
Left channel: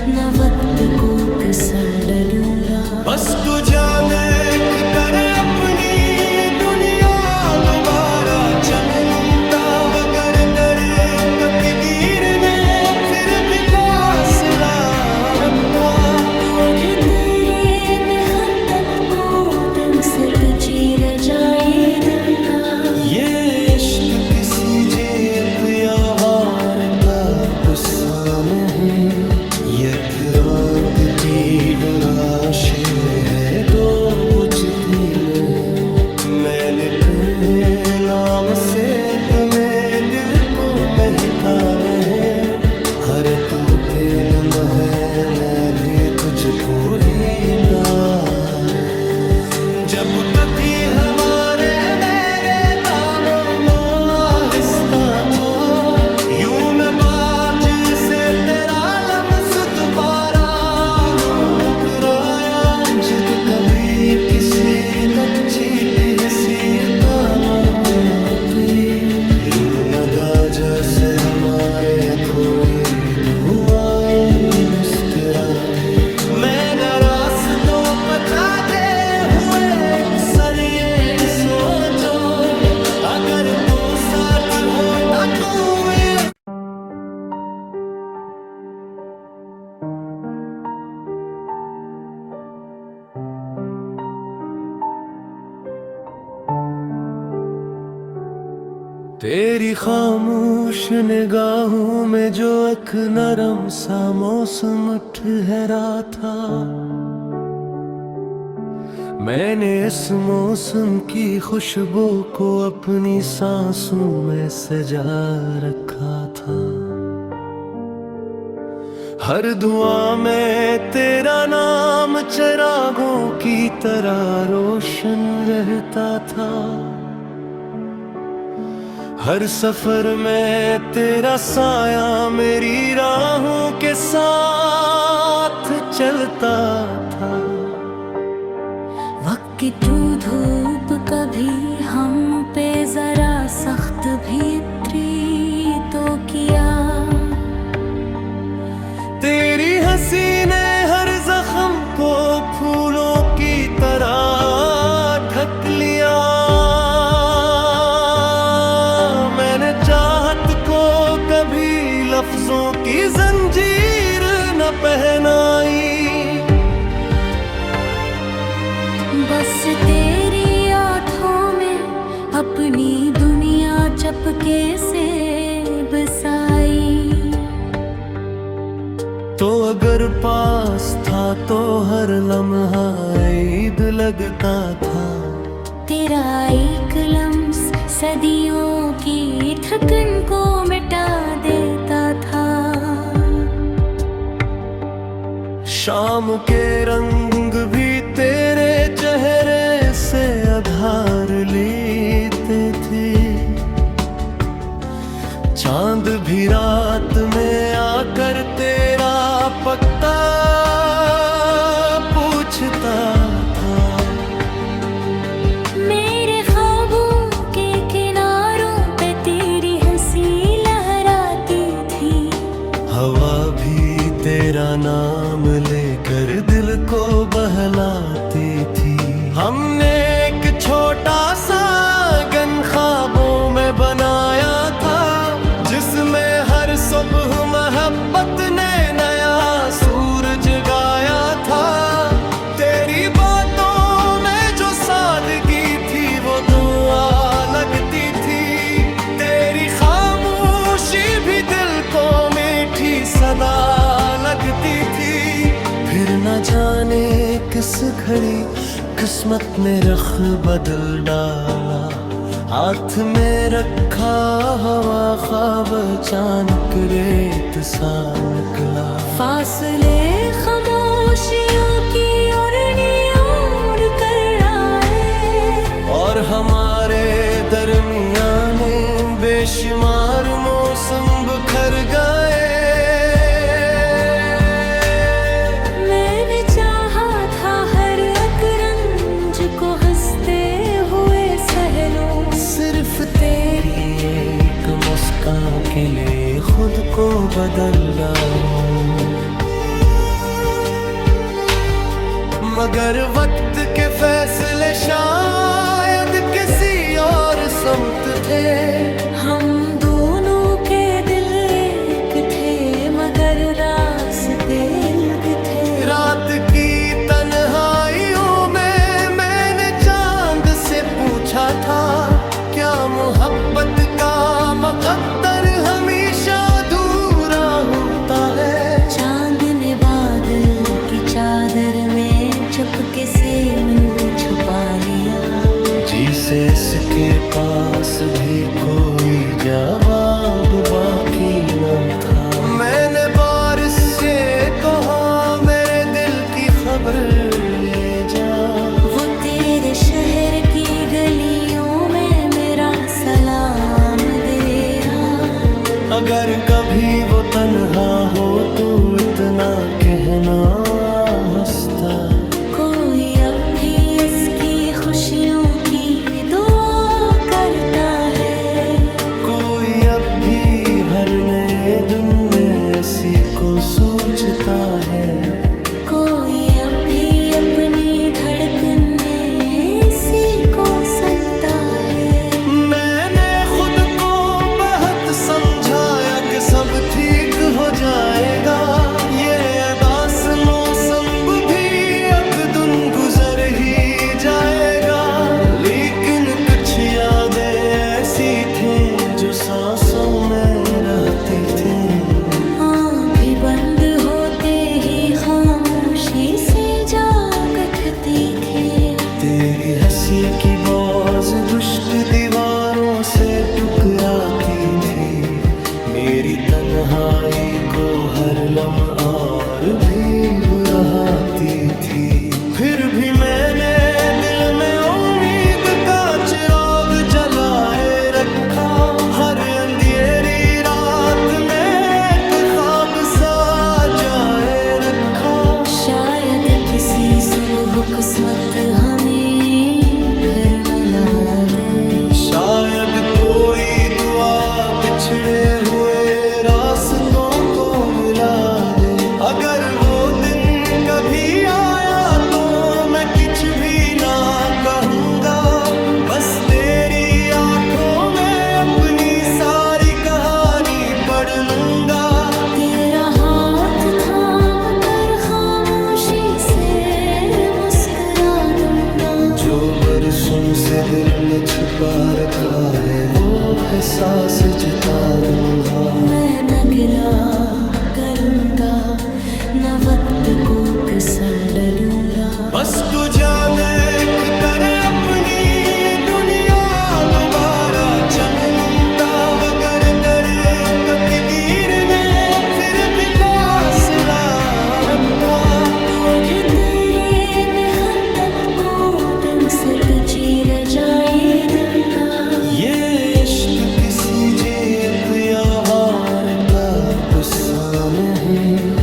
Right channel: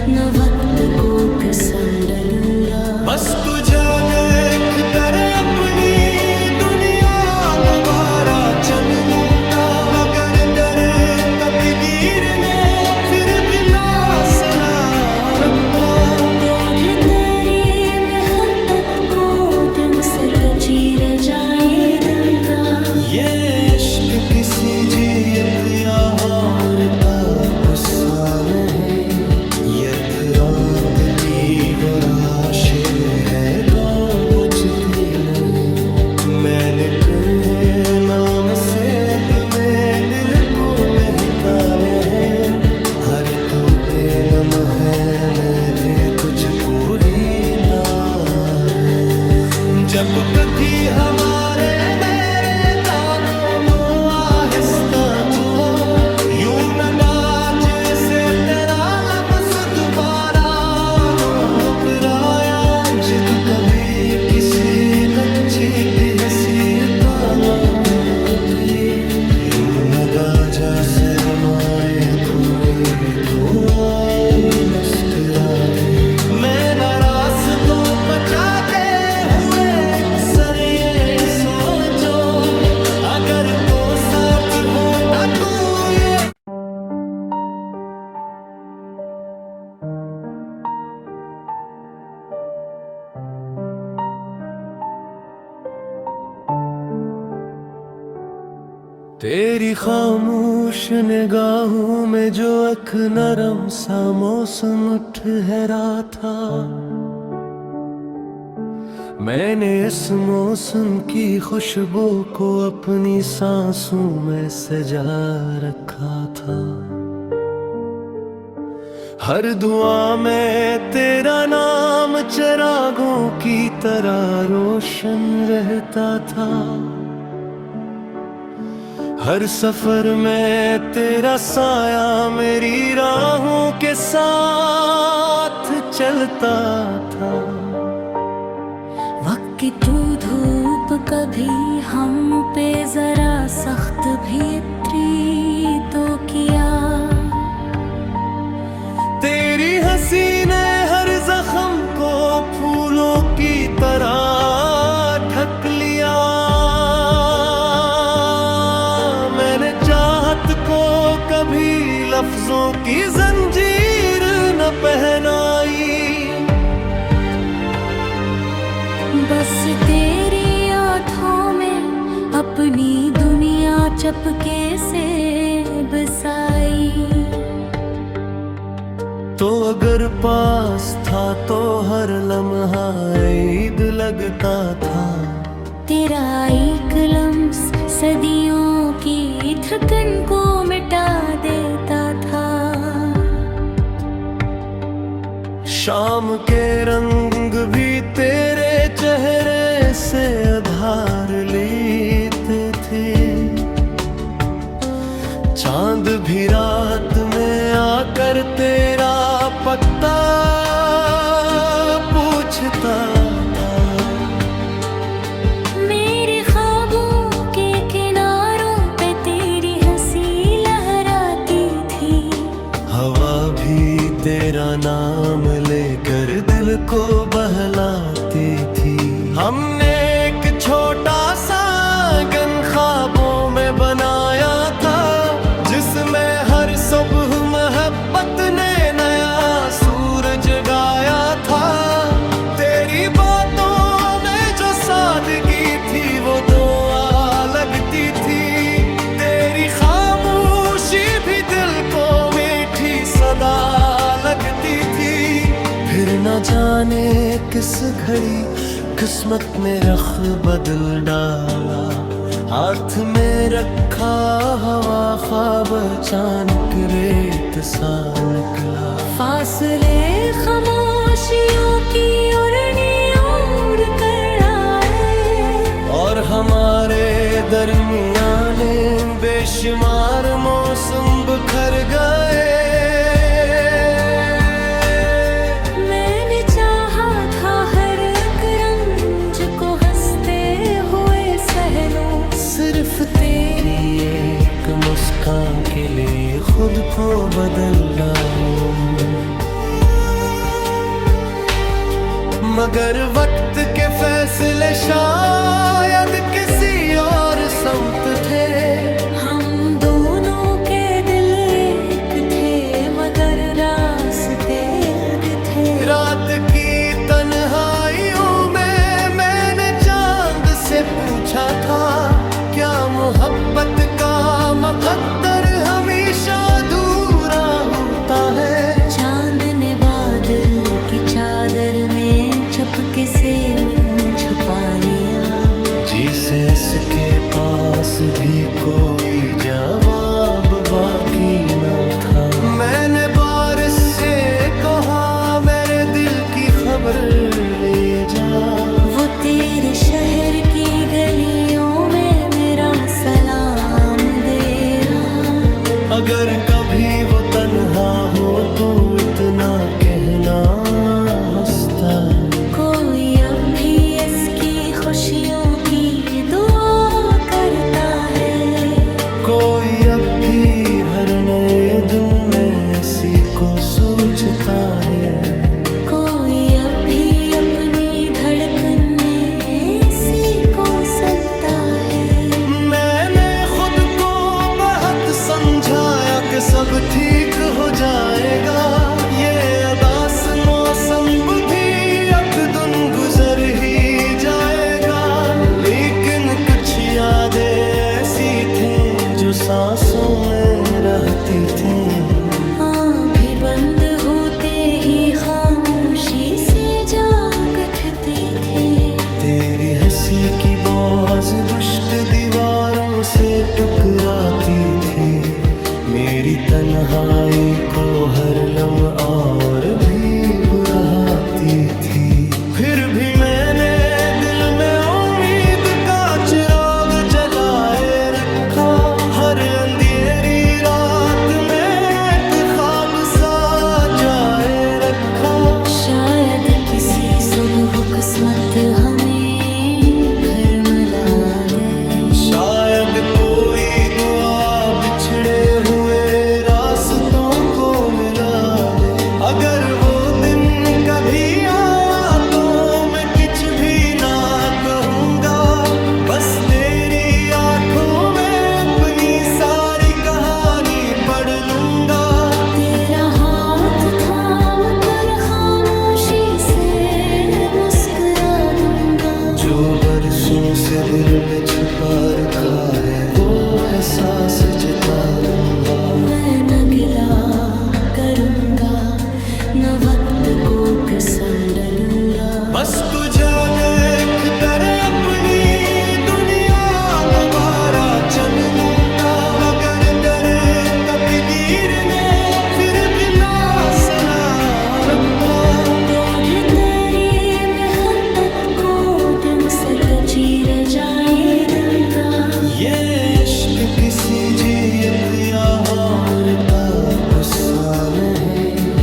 न वक्त को पसंद दूंगा। बस तू जा देख कर अपनी दुनिया दोबारा चन लूंगा। मगर दर तकदीर ने फिर भी मौसला रखा। तुझे तेरे में खतत को दिन से तो चीर जाए दूंगा। ये इश्क किसी जीत या हार का गुस्सा नहीं, यथरागती वो राशे है दो बुझती नहीं। मैंने तुम्हें नाम से तुम्हें दिल को महका है। हर तू थे नम है मैं भी तुझको रीता है। जब कभी हमारे मेरे दामों आहिस्ता तो यूं न बाज से तेरा लम्स दोबारा उतराया। जिद कभी किसी बच्चे की हैसियत लोगी यूं न दाजा से हमारे अधूरी दुआएं मुस्कुरा दे। मैं न रास्तों बचाते हुए अक्सर ये सोचो अगर वो साथ होता तो ये। तेरी खामोश निगाहों में जो एक नरम सा मौसम ठहरा था। मैंने इस मौसम की खुशबू को अपनी सांसों में सजा रखा था। हर दुआ में तेरा नाम चिरागों की तरह रोशन रहता था। हर सफर में तेरा साया मेरी राहों के साथ चलता था। वक्त की तू धूप कभी हम पे जरा सख्त भी इतरी तो किया। तेरी हंसी ने हर जख्म को फूलों की तरह ढक लिया। मैंने चाहत को कभी लफ्जों की जंजीर न पहनाई। बस तेरी आँखों में अपनी दुनिया चपके से बसाई। तो अगर पास था तो हर लम्हा ईद लगता था। तेरा एक लम्स सदियों की थकन को मिटा देता था। शाम के रंग भी तेरे चेहरे से आधार लेते थे। चांद भी रात में आकर तेरा पता पूछता था। मेरे ख्वाबों के किनारों पे तेरी हंसी लहराती थी। हवा भी तेरा नाम लेकर दिल को बहलाती थी। हमने एक छोटा सा आंगन ख्वाबों में बनाया था, जिसमें हर सुबह मोहब्बत ने नया सूरज गाया था। तेरी बातों में जो सादगी थी वो दुआ लगती थी। तेरी खामोशी भी दिल को मीठी सदा लगती थी। फिर न जाने किस घड़ी किस्मत में रख बदल डाला। हाथ में रखा हवा ख्वाब अचानक रेत सा निकला। फासले खामोशियों की ओर कर आए। और हमारे दरमियाने बेशुमार मौसम बिखर गए। मैंने चाहा था हर एक रंज को हंसते सिर्फ तेरी एक मुस्कान के लिए खुद को बदल डालूं, मगर वक्त के फैसले शायद किसी और समत थे। हम दोनों के दिल एक थे मगर रास्ते अलग थे। रात की तन्हाइयों में मैंने चांद से पूछा था, क्या मोहब्बत का मुकद्दर हमेशा अधूरा होता है। चांद ने बादल की चादर में चपके से मुझे छुपा लिया। जीसस के पास भी कोई जवाब बाकी न था। मैंने बारिश से कहा मेरे दिल की खबर ले जा। वो तेरे शहर की गलियों में मेरा सलाम दे रहा। अगर कभी वो तन्हा हो तो इतना कहना हंसता, कोई अब भी इसकी खुशियों की दुआ करता है। कोई अब भी हर नए दिन में इसी को सोचता है। कोई अब भी अपनी धड़कने इसी को सुनता है। मैंने खुद को बहुत समझाया कि सब ठीक हो जाएगा। ये अदास मौसम भी एक दिन गुजर ही जाएगा। लेकिन कुछ यादें ऐसी थी जो सांसों में रहती थी। आँख भी बंद होते ही खामोशी से जाग उठती थी। तेरी हंसी की बाज गुश्त दीवारों से टकराती थी। मेरी तन्हाई को हर लम्हा और भी बुराती थी। फिर भी मैंने दिल में उम्मीद का चिराग जलाए रखा। हर अंधेरी रात में एक ख्वाब सजाए रखा। शायद किसी सुबह किस्मत हमें फिर मिला दे। शायद कोई दुआ बिछड़े हुए रास्तों को मिला दे। अगर वो दिन कभी आया तो मैं कुछ भी ना कहूँगा। बस तेरी आंखों में अपनी सारी कहानी पढ़ लूँगा। तेरा हाथ थाम कर खामोशी से मुस्कुरा दूंगा। जो बरसों से दिल में छुपा रखा है वो एहसास जता दूंगा। मैं न गिला करूंगा न वक्त को पसंद डूंगा। बस तुझे देख कर अपनी दुनिया दोबारा चनूंगा। मगर दर कतगीर ने फिर भी मौसला रखा। तुझे तेरी में खत्त को दिन से तचीर जाए दूंगा। ये इश्क किसी जीत या हार का गुस्सा नहीं।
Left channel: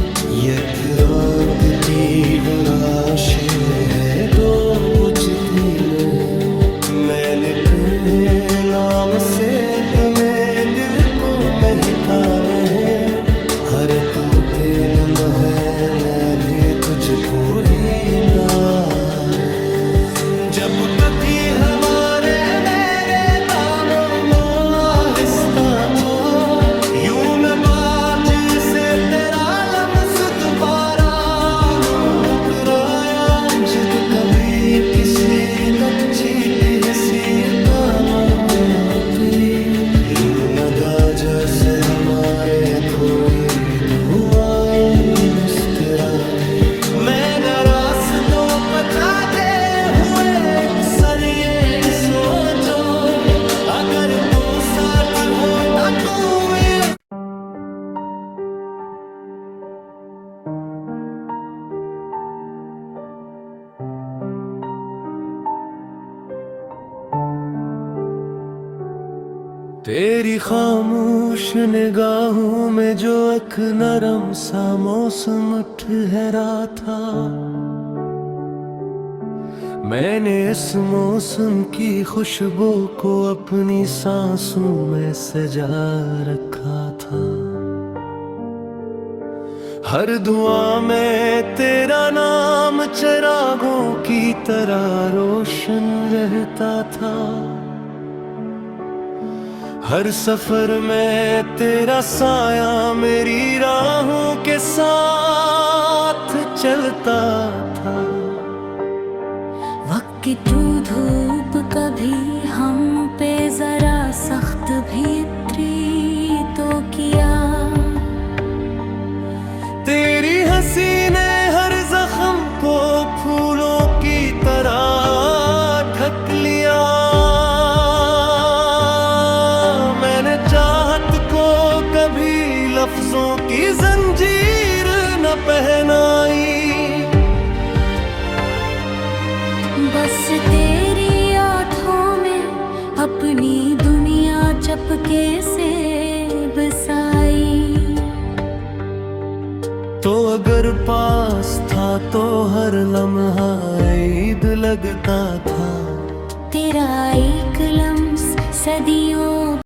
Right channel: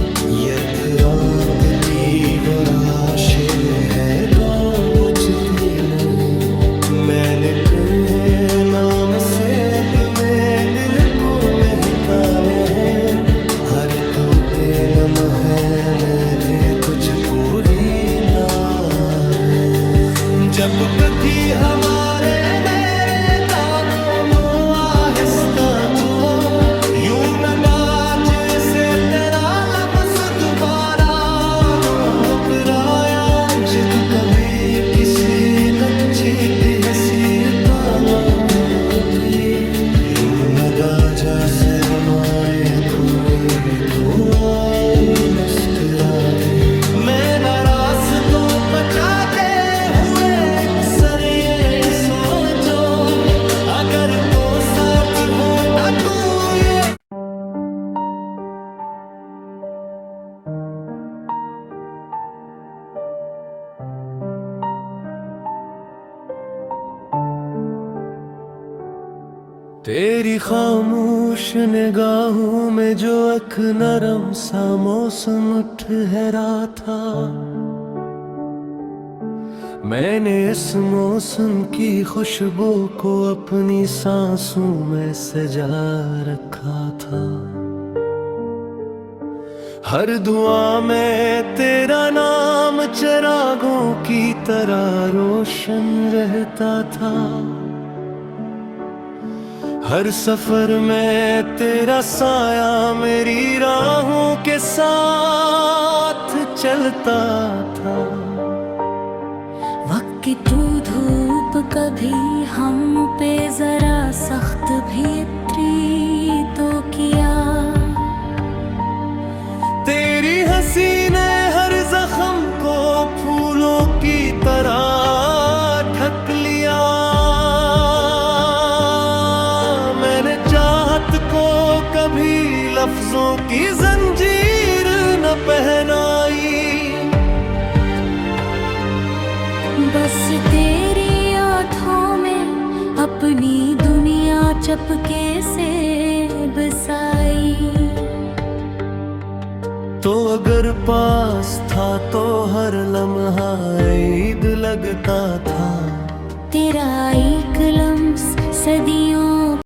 यथराकती वो राशे है जो बुझती नहीं। मैंने तुम्हें नाम से तुम्हें दिल को महकाने हैं। हर तू थे नम है मैं भी तुझको रीता है। जब कभी हमारे मेरे दामों नो आहिस्ता तो यूं न बाज से तेरा लम्स दोबारा नो उपराया। जिद कभी किसी दच्छी की हैसियत लोगी यूं न दाजा से हमारे अधूरी दुआएं मुस्कुरा दे। मैं न रास्तों बचाते हुए अक्सर ये सोचो अगर वो साथ होता तो ये। तेरी खामोश निगाहों में जो एक नरम सा मौसम ठहरा था। मैंने इस मौसम की खुशबू को अपनी सांसों में सजा रखा था। हर दुआ में तेरा नाम चिरागों की तरह रोशन रहता था। हर सफर में तेरा साया मेरी राहों के साथ चलता था। वक्त की तू धूप कभी हम पे जरा सख्त भी इतरी तो किया। तेरी हंसी ने हर जख्म को फूलों की तरह ढक लिया। मैंने चाहत को कभी लफ्जों की जंजीर न पहनाई। बस तेरी आँखों में अपनी दुनिया चपके से बसाई। तो अगर पास था तो हर लम्हा ईद लगता था। तेरा एक लम्स सदियों